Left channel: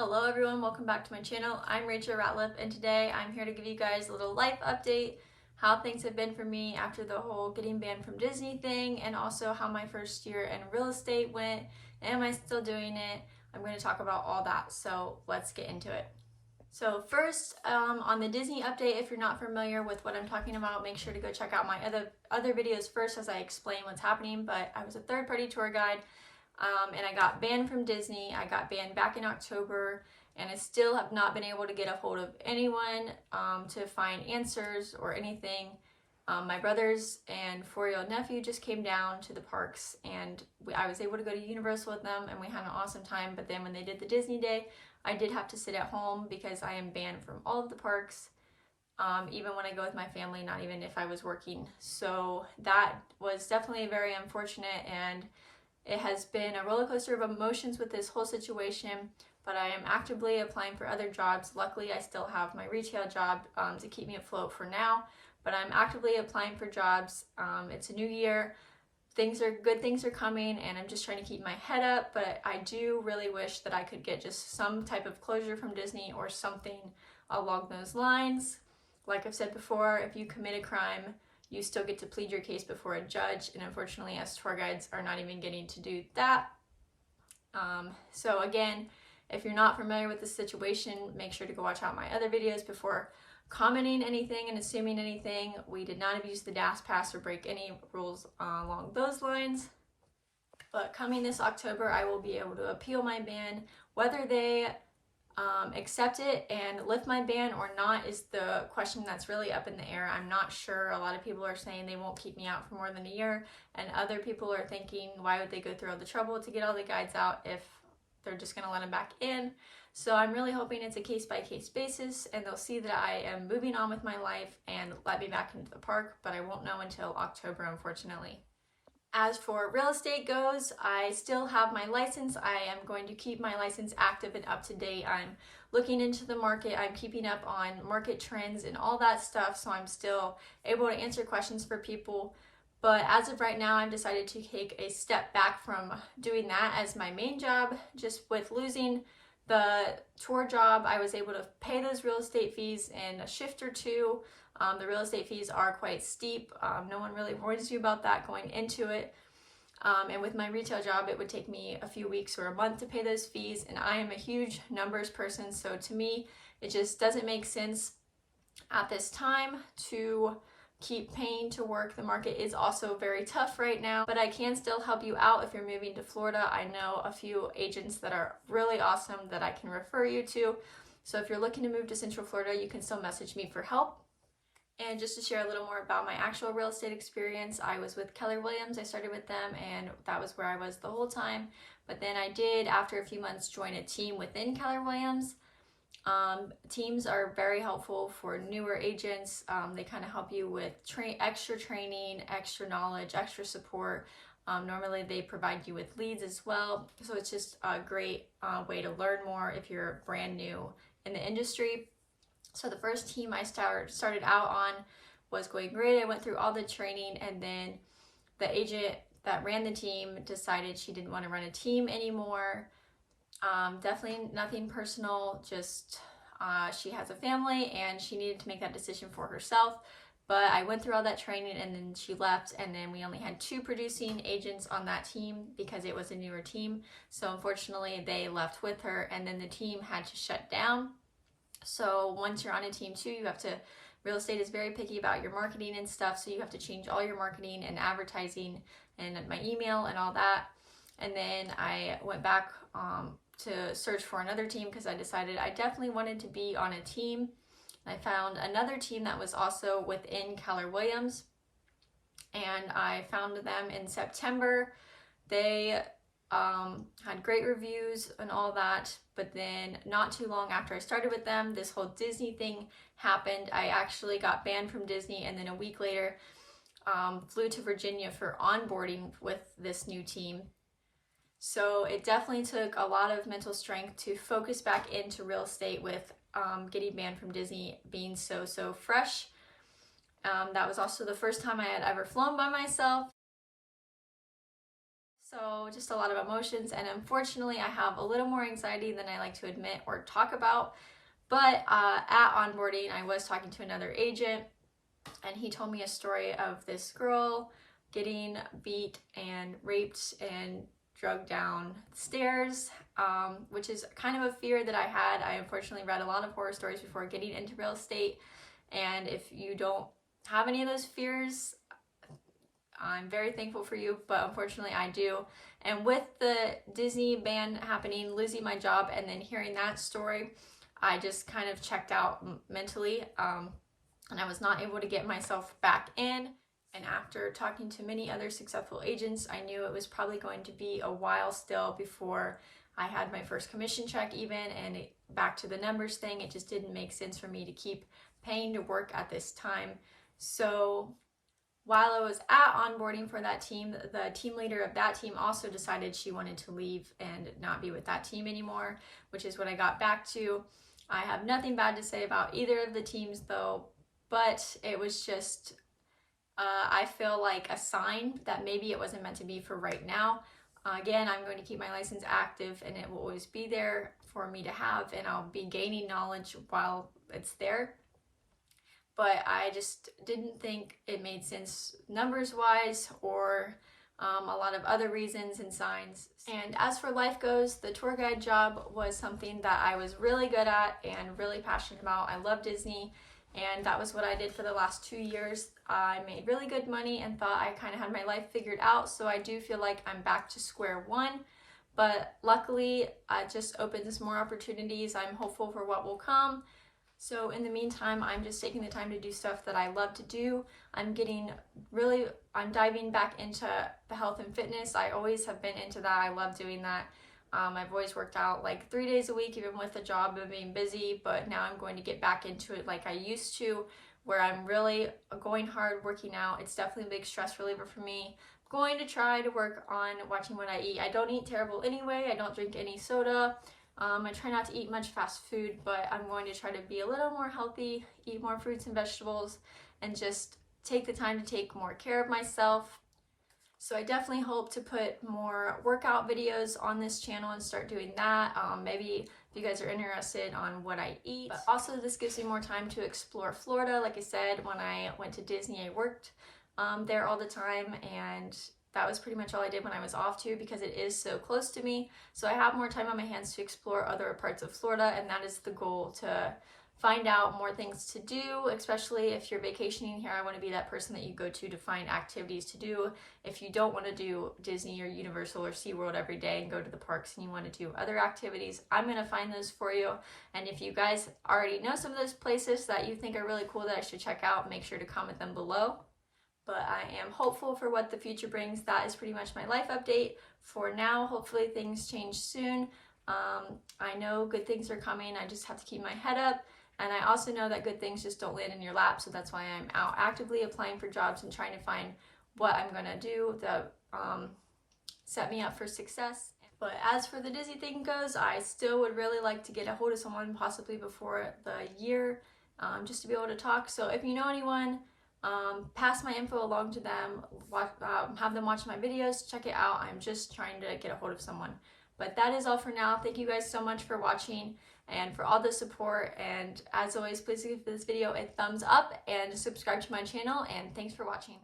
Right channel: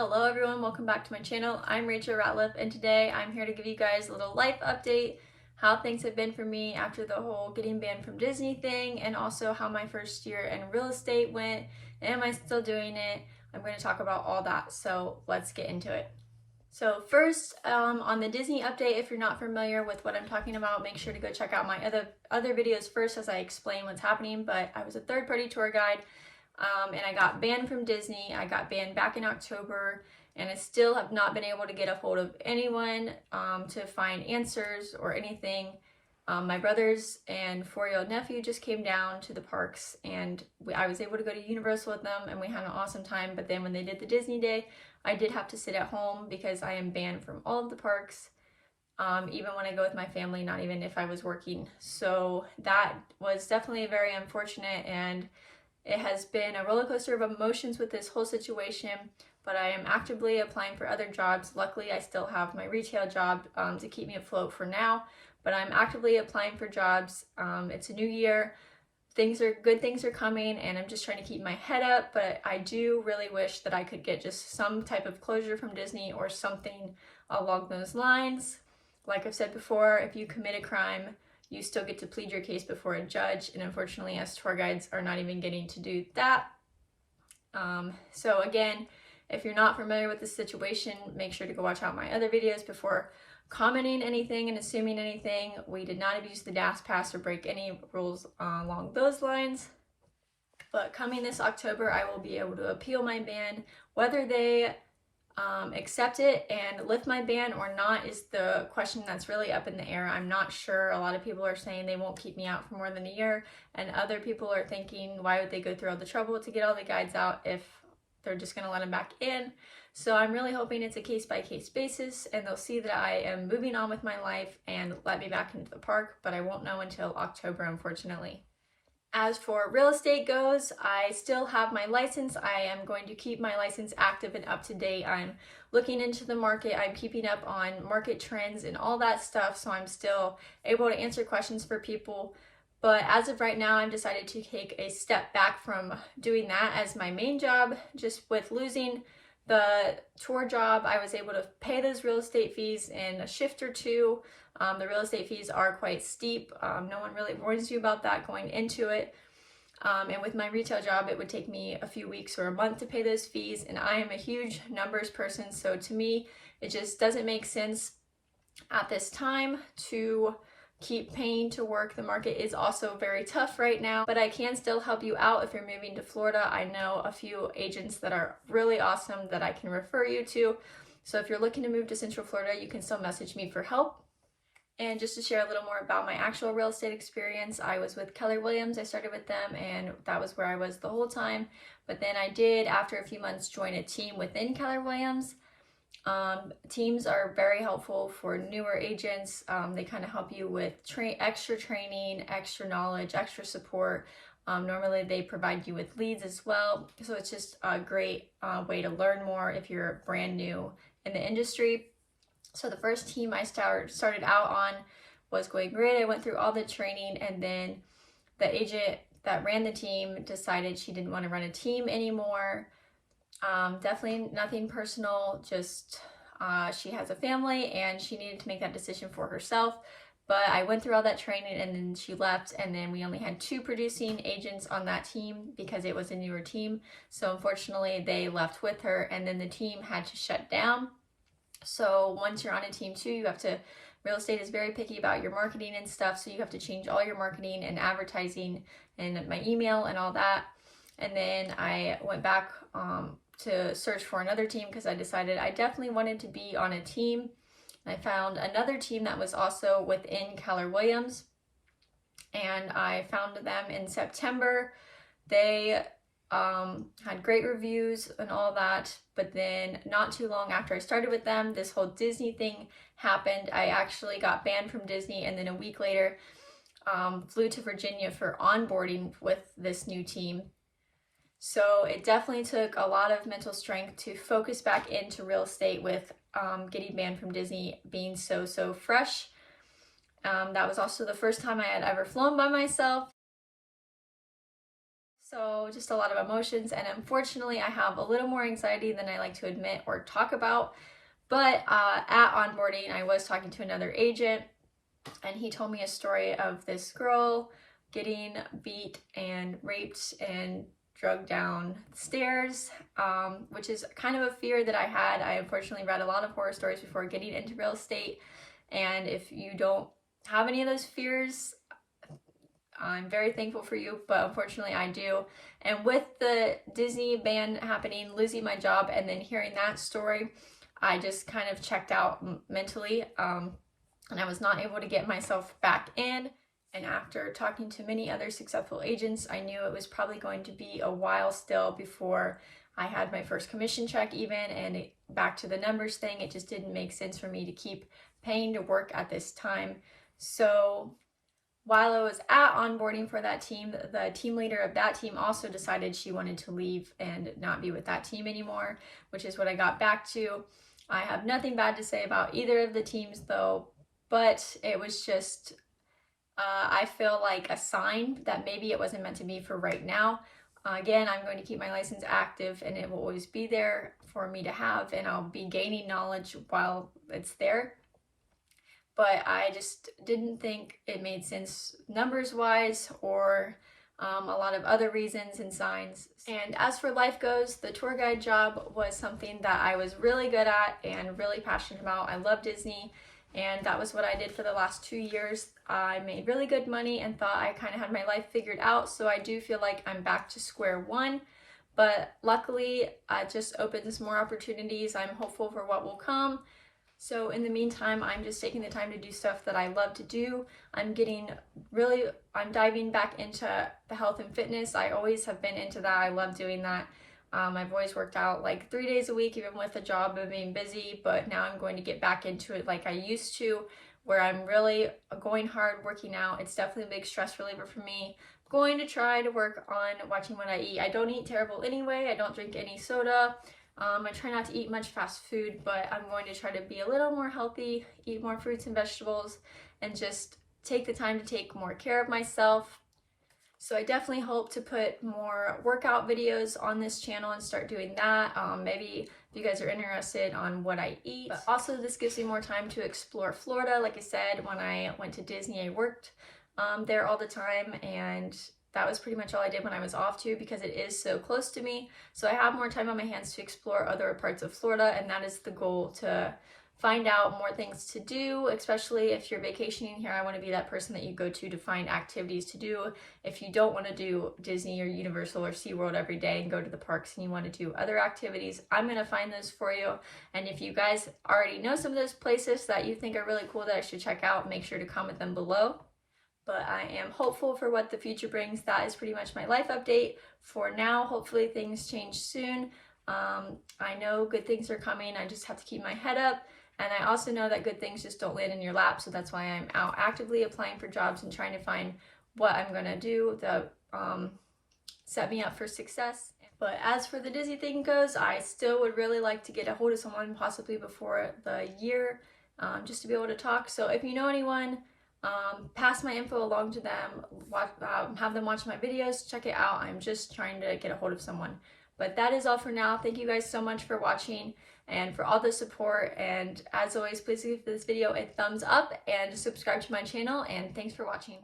Hello everyone, welcome back to my channel. I'm Rachel Ratliff and today I'm here to give you guys a little life update, how things have been for me after the whole getting banned from Disney thing, and also how my first year in real estate went. Am I still doing it? I'm going to talk about all that, so let's get into it. So first, on the Disney update, if you're not familiar with what I'm talking about, make sure to go check out my other videos first as I explain what's happening. But I was a third-party tour guide. And I got banned from Disney. I got banned back in October, and I still have not been able to get a hold of anyone to find answers or anything. My brothers and 4-year-old nephew just came down to the parks, and I was able to go to Universal with them, and we had an awesome time. But then when they did the Disney day, I did have to sit at home because I am banned from all of the parks, even when I go with my family, not even if I was working. So that was definitely very unfortunate, and it has been a roller coaster of emotions with this whole situation, but I am actively applying for other jobs. Luckily, I still have my retail job to keep me afloat for now, but I'm actively applying for jobs. It's a new year. Good things are coming, and I'm just trying to keep my head up, but I do really wish that I could get just some type of closure from Disney or something along those lines. Like I've said before, if you commit a crime, you still get to plead your case before a judge, and unfortunately us tour guides are not even getting to do that. So again, if you're not familiar with the situation, make sure to go watch out my other videos before commenting anything and assuming anything. We did not abuse the DAS pass or break any rules along those lines. But coming this October, I will be able to appeal my ban. Whether they accept it and lift my ban or not is the question that's really up in the air. I'm not sure. A lot of people are saying they won't keep me out for more than a year, and other people are thinking, why would they go through all the trouble to get all the guides out if they're just going to let them back in? So I'm really hoping it's a case-by-case basis, and they'll see that I am moving on with my life and let me back into the park, but I won't know until October, unfortunately. As for real estate goes, I still have my license. I am going to keep my license active and up to date. I'm looking into the market. I'm keeping up on market trends and all that stuff, so I'm still able to answer questions for people. But as of right now, I've decided to take a step back from doing that as my main job. Just with losing the tour job, I was able to pay those real estate fees in a shift or two. The real estate fees are quite steep. No one really warns you about that going into it. And with my retail job, it would take me a few weeks or a month to pay those fees. And I am a huge numbers person. So to me, it just doesn't make sense at this time to keep paying to work. The market is also very tough right now, but I can still help you out if you're moving to Florida. I know a few agents that are really awesome that I can refer you to. So if you're looking to move to Central Florida, you can still message me for help. And just to share a little more about my actual real estate experience, I was with Keller Williams. I started with them, and that was where I was the whole time. But then I did, after a few months, join a team within Keller Williams. Teams are very helpful for newer agents. They kind of help you with extra training, extra knowledge, extra support. Normally they provide you with leads as well. So it's just a great way to learn more if you're brand new in the industry. So the first team I started out on was going great. I went through all the training, and then the agent that ran the team decided she didn't want to run a team anymore. Definitely nothing personal, just she has a family and she needed to make that decision for herself. But I went through all that training, and then she left, and then we only had 2 producing agents on that team because it was a newer team. So unfortunately they left with her, and then the team had to shut down. So once you're on a team too, real estate is very picky about your marketing and stuff. So you have to change all your marketing and advertising and my email and all that. And then I went back to search for another team because I decided I definitely wanted to be on a team. I found another team that was also within Keller Williams, and I found them in September. They had great reviews and all that, but then not too long after I started with them, this whole Disney thing happened. I actually got banned from Disney, and then a week later flew to Virginia for onboarding with this new team. So it definitely took a lot of mental strength to focus back into real estate with getting banned from Disney being so fresh. That was also the first time I had ever flown by myself. So just a lot of emotions, and unfortunately I have a little more anxiety than I like to admit or talk about. But at onboarding, I was talking to another agent, and he told me a story of this girl getting beat and raped and drugged down the stairs, which is kind of a fear that I had. I unfortunately read a lot of horror stories before getting into real estate, and if you don't have any of those fears, I'm very thankful for you, but unfortunately I do. And with the Disney ban happening, losing my job, and then hearing that story, I just kind of checked out mentally, and I was not able to get myself back in. And after talking to many other successful agents, I knew it was probably going to be a while still before I had my first commission check even, and back to the numbers thing, it just didn't make sense for me to keep paying to work at this time. So while I was at onboarding for that team, the team leader of that team also decided she wanted to leave and not be with that team anymore, which is what I got back to. I have nothing bad to say about either of the teams though, but it was just, I feel like a sign that maybe it wasn't meant to be for right now. Again, I'm going to keep my license active, and it will always be there for me to have, and I'll be gaining knowledge while it's there. But I just didn't think it made sense numbers wise, or a lot of other reasons and signs. And as for life goes, the tour guide job was something that I was really good at and really passionate about. I love Disney, and that was what I did for the last 2 years. I made really good money and thought I kind of had my life figured out, so I do feel like I'm back to square one. But luckily, it just opens more opportunities. I'm hopeful for what will come. So in the meantime, I'm just taking the time to do stuff that I love to do. I'm diving back into the health and fitness. I always have been into that. I love doing that. I've always worked out like 3 days a week, even with a job of being busy, but now I'm going to get back into it like I used to, where I'm really going hard working out. It's definitely a big stress reliever for me. I'm going to try to work on watching what I eat. I don't eat terrible anyway. I don't drink any soda. I try not to eat much fast food, but I'm going to try to be a little more healthy, eat more fruits and vegetables, and just take the time to take more care of myself. So I definitely hope to put more workout videos on this channel and start doing that. Maybe if you guys are interested on what I eat. But also this gives me more time to explore Florida. Like I said, when I went to Disney, I worked there all the time, and that was pretty much all I did when I was off too, because it is so close to me. So I have more time on my hands to explore other parts of Florida, and that is the goal, to find out more things to do, especially if you're vacationing here. I want to be that person that you go to find activities to do. If you don't want to do Disney or Universal or SeaWorld every day and go to the parks, and you want to do other activities, I'm going to find those for you. And if you guys already know some of those places that you think are really cool that I should check out, make sure to comment them below. But I am hopeful for what the future brings. That is pretty much my life update for now. Hopefully things change soon. I know good things are coming. I just have to keep my head up. And I also know that good things just don't land in your lap. So that's why I'm out actively applying for jobs and trying to find what I'm going to do that set me up for success. But as for the Disney thing goes, I still would really like to get a hold of someone possibly before the year, just to be able to talk. So if you know anyone, pass my info along to them, have them watch my videos, check it out. I'm just trying to get a hold of someone. But that is all for now. Thank you guys so much for watching and for all the support. And as always, please give this video a thumbs up and subscribe to my channel. And thanks for watching.